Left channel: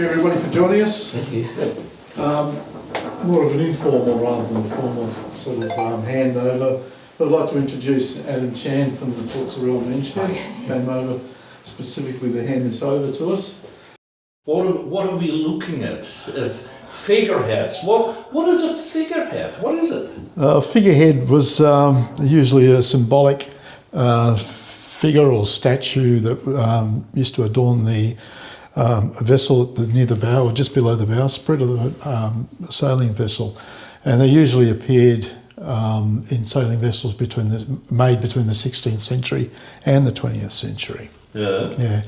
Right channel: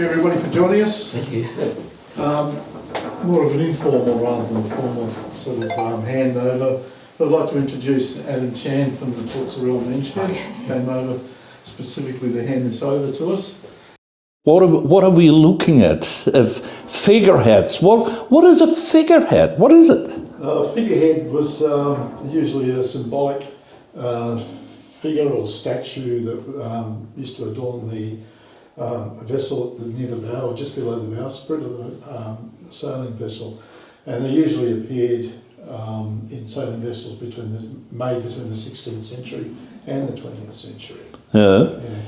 Everybody for joining us. Thank you. More of an informal rather than formal sort of handover. I'd like to introduce Adam Chan from the Port Surrell Beachhead. Came over specifically to hand this over to us. What are we looking at? Figureheads. What is a figurehead? What is it? Figurehead was usually a symbolic figure or statue that used to adorn the vessel near the bow or just below the bowsprit of the sailing vessel, and they usually appeared in sailing vessels made between the 16th century and the 20th century. Yeah.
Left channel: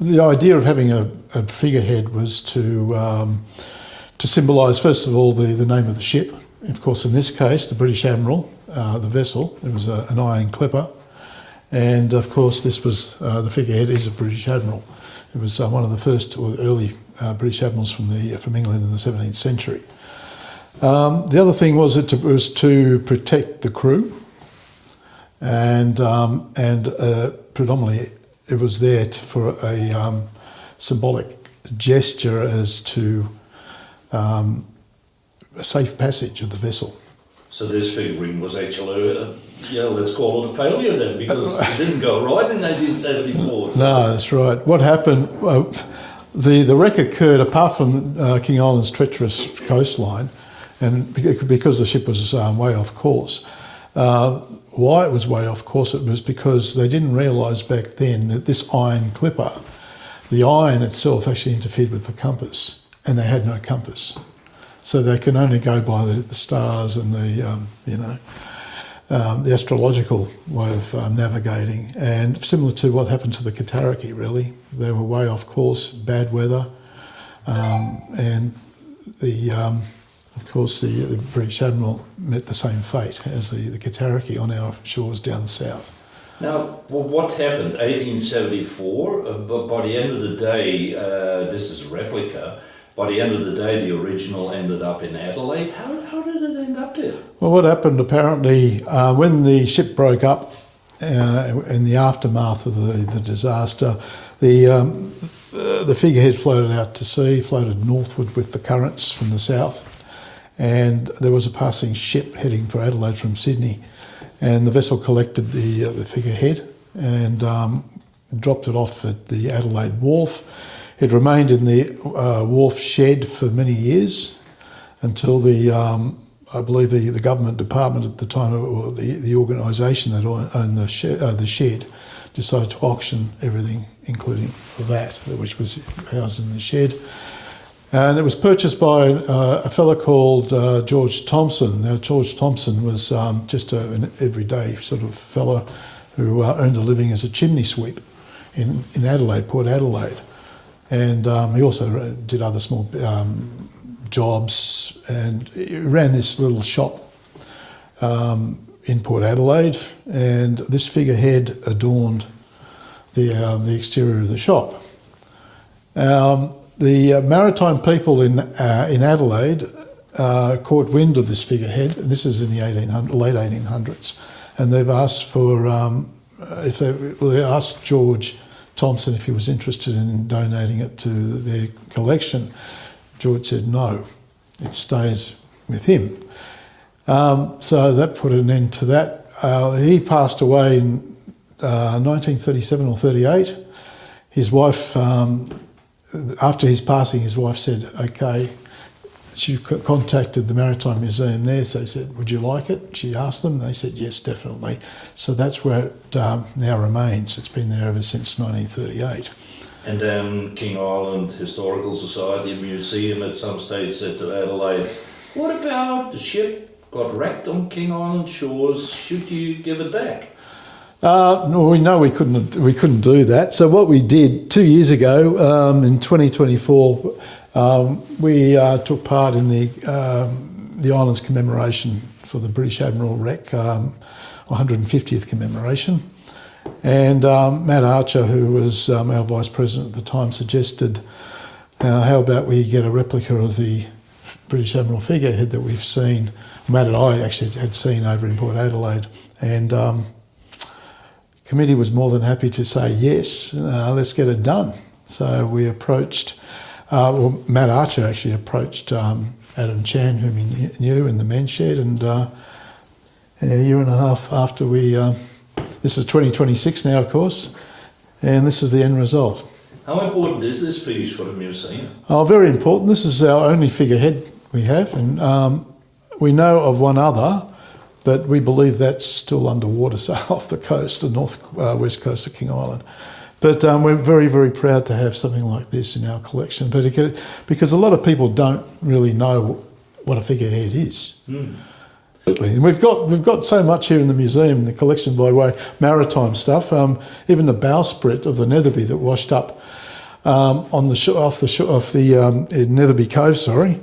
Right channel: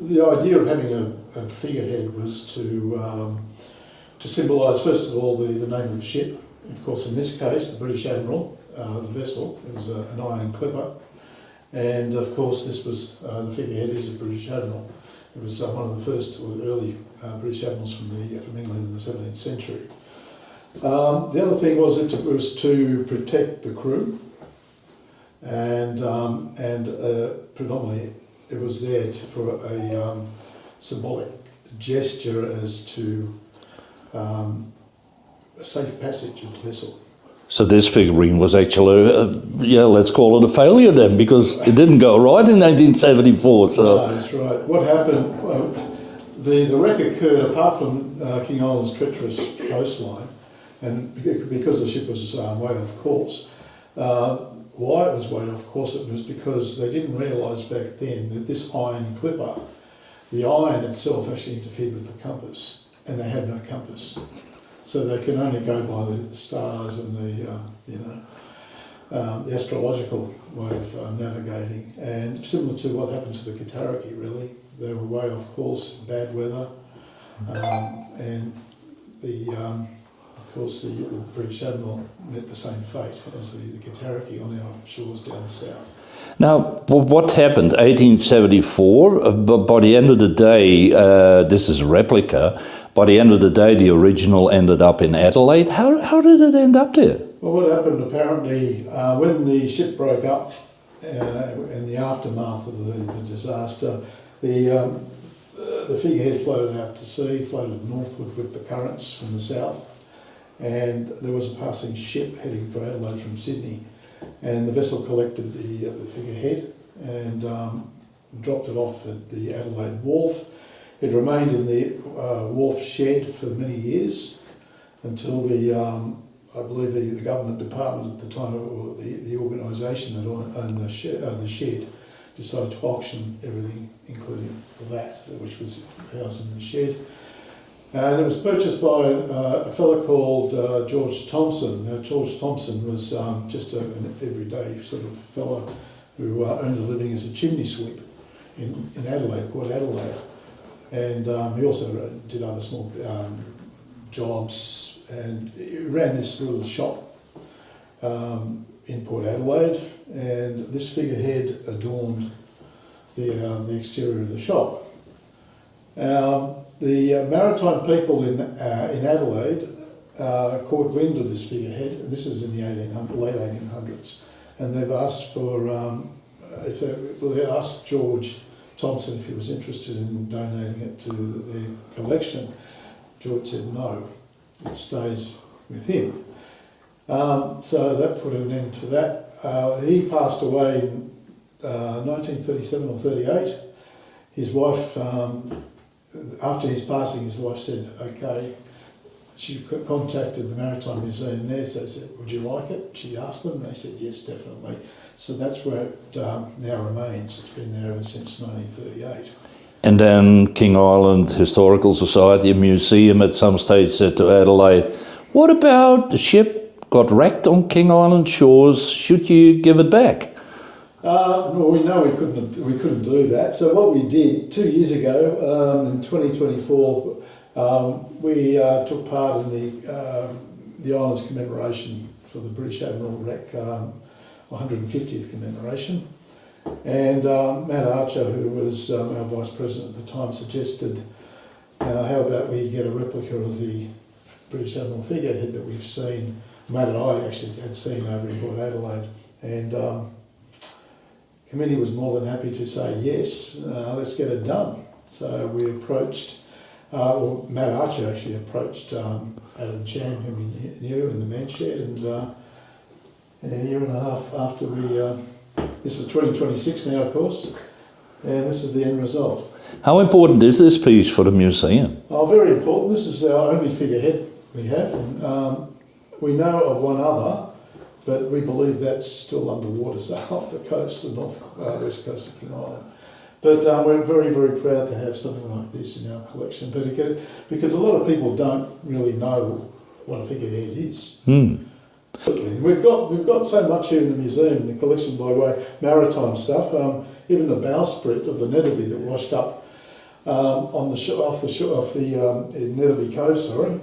The idea of having a figurehead was to symbolise, first of all, the name of the ship. Of course, in this case, the British Admiral, the vessel. It was an iron clipper. And of course, this was the figurehead is a British Admiral. It was one of the first or early British admirals from England in the 17th century. The other thing was it was to protect the crew, and predominantly it was there for a symbolic gesture as to a safe passage of the vessel. So this figurine was actually, let's call it a failure then, because it didn't go right in 1974. So. No, that's right. What happened, the wreck occurred apart from King Island's treacherous coastline, and because the ship was way off course. Why it was way off course, it was because they didn't realise back then that this iron clipper, the iron itself actually interfered with the compass, and they had no compass. So they can only go by the stars and the astrological way of navigating. And similar to what happened to the Kataraki, really. They were way off course, bad weather, and of course the British Admiral met the same fate as the Kataraki on our shores down south. Now, what happened? 1874. By the end of the day, this is a replica. By the end of the day, the original ended up in Adelaide. How did it end up there? Well, what happened apparently when the ship broke up in the aftermath of the disaster, the figurehead floated out to sea, floated northward with the currents from the south, and there was a passing ship heading for Adelaide from Sydney, and the vessel collected the figurehead and dropped it off at the Adelaide wharf. It remained in the wharf shed for many years until I believe the government department at the time, or the organisation that owned the shed, decided to auction everything, including that, which was housed in the shed. And it was purchased by a fellow called George Thompson. Now, George Thompson was just an everyday sort of fellow who earned a living as a chimney sweep in Adelaide, Port Adelaide. And he also did other small jobs, and he ran this little shop in Port Adelaide, and this figurehead adorned the exterior of the shop. The maritime people in Adelaide caught wind of this figurehead, and this is in the late 1800s, and they've asked for they asked George Thompson if he was interested in donating it to their collection. George said no, it stays with him. So that put an end to that. He passed away in 1937 or 38. His wife, after his passing, his wife said, okay, she contacted the Maritime Museum there, so they said, would you like it? She asked them, they said, yes, definitely. So that's where it now remains. It's been there ever since 1938. And then King Island Historical Society, a museum at some stage, said to Adelaide, what about the ship got wrecked on King Island shores? Should you give it back? No, we know we couldn't do that. So what we did 2 years ago, in 2024, we took part in the island's commemoration for the British Admiral wreck, 150th commemoration. And Matt Archer, who was our Vice President at the time, suggested, how about we get a replica of the British Admiral figurehead that we've seen. Matt and I actually had seen over in Port Adelaide. And committee was more than happy to say, yes, let's get it done. So we approached, Matt Archer actually approached Adam Chan, whom he knew in the men's shed, and a year and a half after this is 2026 now, of course, and this is the end result. How important is this piece for the museum? Oh, very important. This is our only figurehead we have, and we know of one other, but we believe that's still underwater, so off the coast, the west coast of King Island. But we're very, very proud to have something like this in our collection, but because a lot of people don't really know what a figurehead is. We've got so much here in the museum, the collection by way maritime stuff. Even the bowsprit of the Netherby that washed up off the Netherby Cove. Sorry,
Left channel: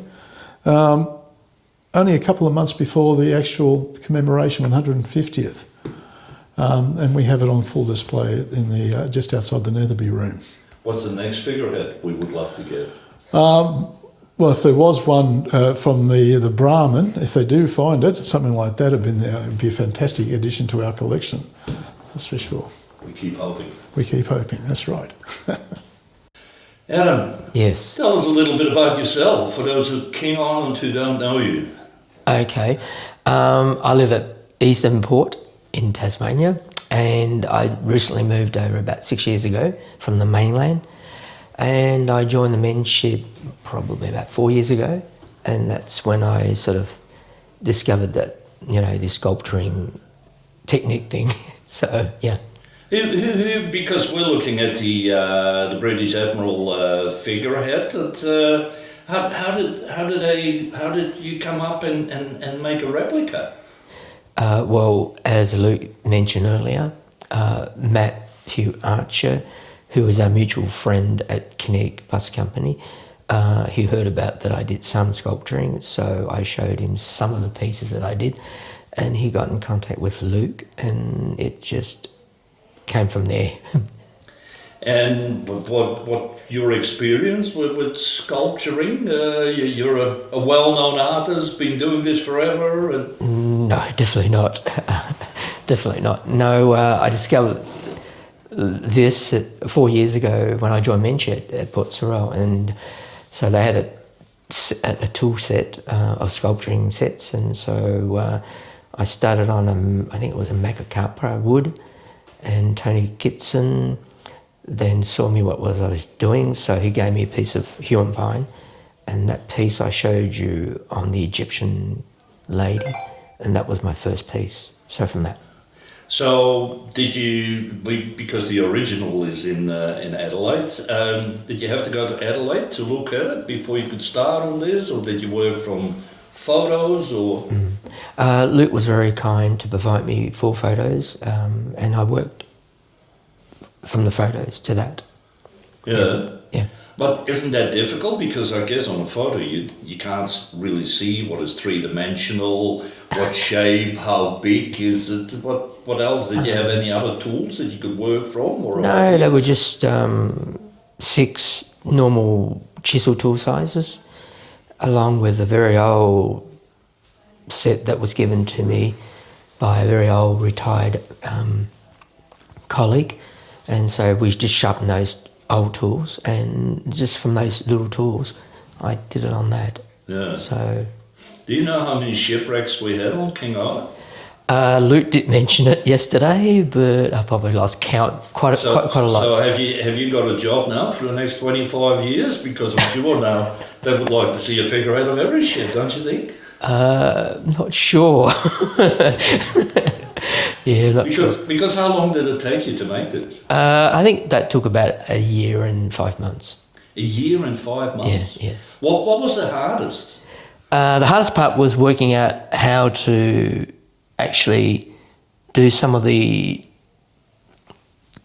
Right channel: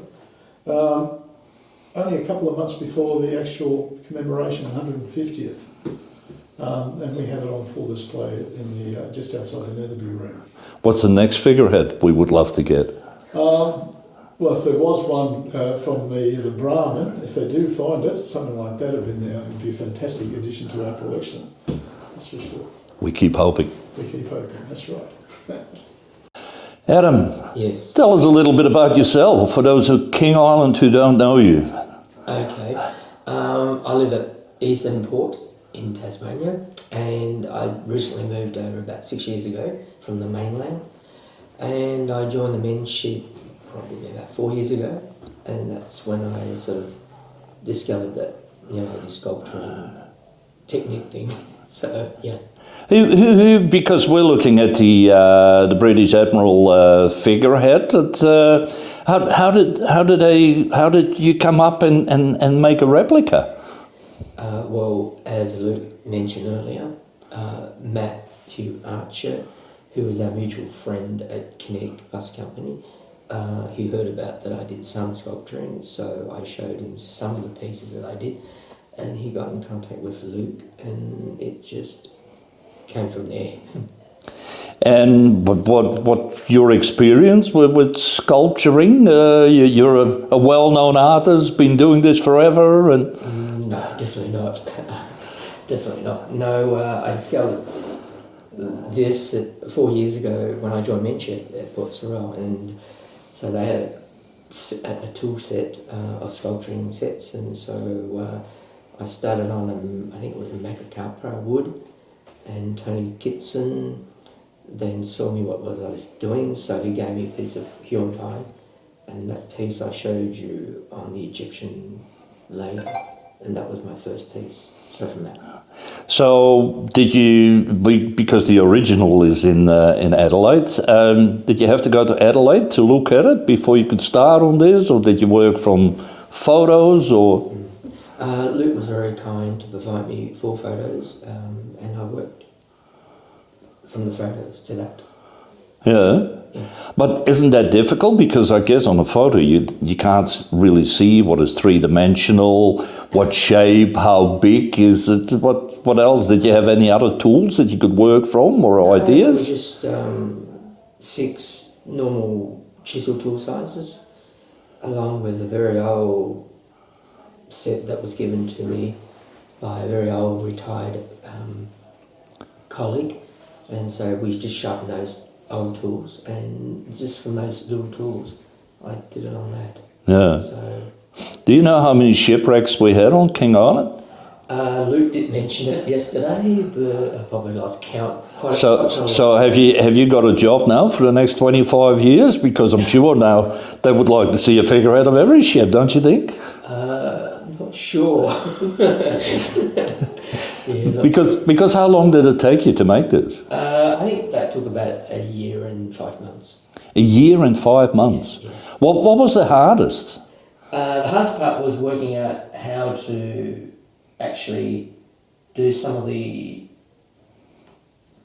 only a couple of months before the actual commemoration 150th, and we have it on full display in the just outside the Netherby room. What's the next figurehead we would love to get? Well, if there was one from the Brahmin, if they do find it, something like that would be a fantastic addition to our collection. That's for sure. We keep hoping. We keep hoping, that's right. Adam. Yes. Tell us a little bit about yourself for those of King Island who don't know you. Okay. I live at East Devonport in Tasmania, and I recently moved over about 6 years ago from the mainland, and I joined the men's shed probably about 4 years ago, and that's when I sort of discovered that, this sculpturing technique thing. So, yeah. Who, because we're looking at the British Admiral figurehead, how did you come up and make a replica? Well, as Luke mentioned earlier, Matthew Archer, who was our mutual friend at Kinetic Bus Company, he heard about that I did some sculpturing, so I showed him some of the pieces that I did, and he got in contact with Luke, and it just came from there. And what your experience with sculpturing? You're a well-known artist, been doing this forever, and no, definitely not. Definitely not. No, I discovered this 4 years ago when I joined Menchett at Port Sorrel, and so they had a tool set of sculpturing sets, and so I started on I think it was a Macacapra wood, and Tony Kitson then saw me what I was doing, so he gave me a piece of human pine, and that piece I showed you on the Egyptian lady, and that was my first piece. So from that. So did you, because the original is in Adelaide, did you have to go to Adelaide to look at it before you could start on this, or did you work from photos, or? Luke was very kind to provide me 4 photos, and I worked from the photos to that. Yeah. Yeah. But isn't that difficult? Because I guess on a photo you can't really see what is three-dimensional, what shape, how big is it, what else? Did you have any other tools that you could work from, or ideas? They were just 6 normal chisel tool sizes, along with a very old set that was given to me by a very old retired colleague, and so we just sharpened those old tools, and just from those little tools I did it on that. Yeah. So, do you know how many shipwrecks we had on King Island? Luke did mention it yesterday, but I probably lost count quite a lot. So have you got a job now for the next 25 years? Because I'm sure now they would like to see a figurehead of every ship, don't you think? Not sure. Yeah, not sure. Because how long did it take you to make this? I think that took about a year and 5 months. A year and 5 months? Yeah. What was the hardest? The hardest part was working out how to actually do some of the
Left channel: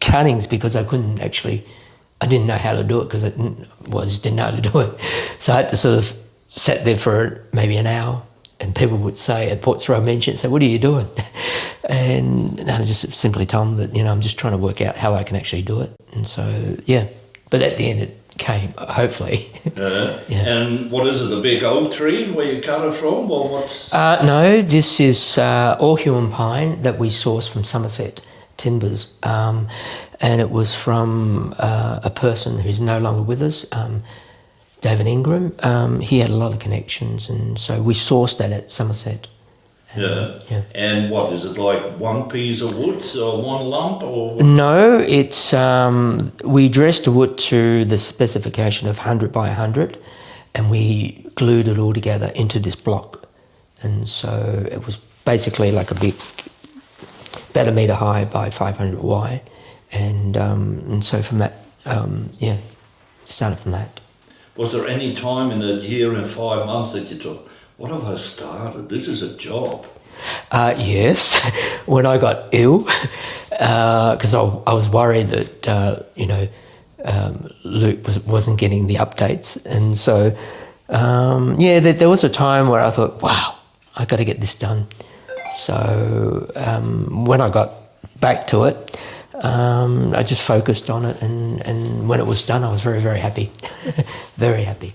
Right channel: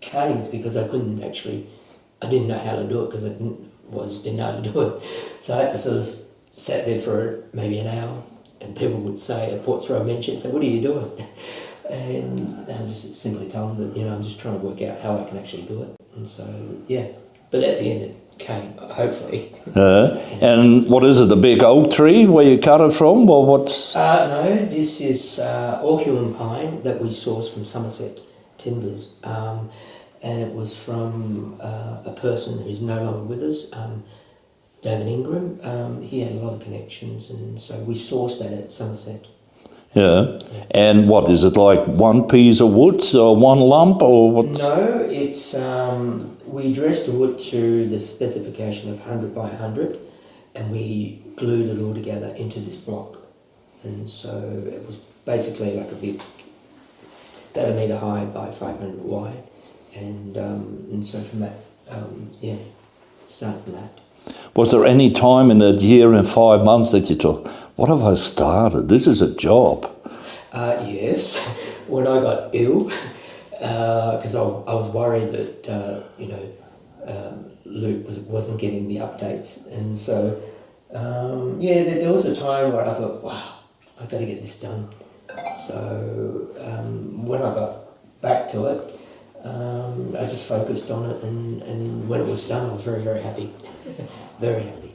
cuttings, because I didn't know how to do it, because I just didn't know how to do it. So I had to sort of sit there for maybe an hour, and people would say at Port Sorrel Menchett, say, "What are you doing?" And I just simply told them that, I'm just trying to work out how I can actually do it. And so, yeah. But at the end it came, hopefully. Yeah. And what is it, the big oak tree where you cut it from, or what? No, this is all human pine that we source from Somerset Timbers. and it was from a person who's no longer with us, David Ingram. He had a lot of connections, and so we sourced that at Somerset. Yeah. Yeah. And what is it, like one piece of wood or one lump or what? No, it's we dressed the wood to the specification of 100 by 100, and we glued it all together into this block. And so it was basically like a big, about 1 metre high by 500 wide, and so from that, started from that. Was there any time in that year and 5 months that you thought, what have I started? This is a job. Yes, when I got ill, because I was worried that Luke wasn't getting the updates, and so there was a time where I thought, wow, I got to get this done. So when I got back to it, I just focused on it, and when it was done, I was very, very happy, very happy.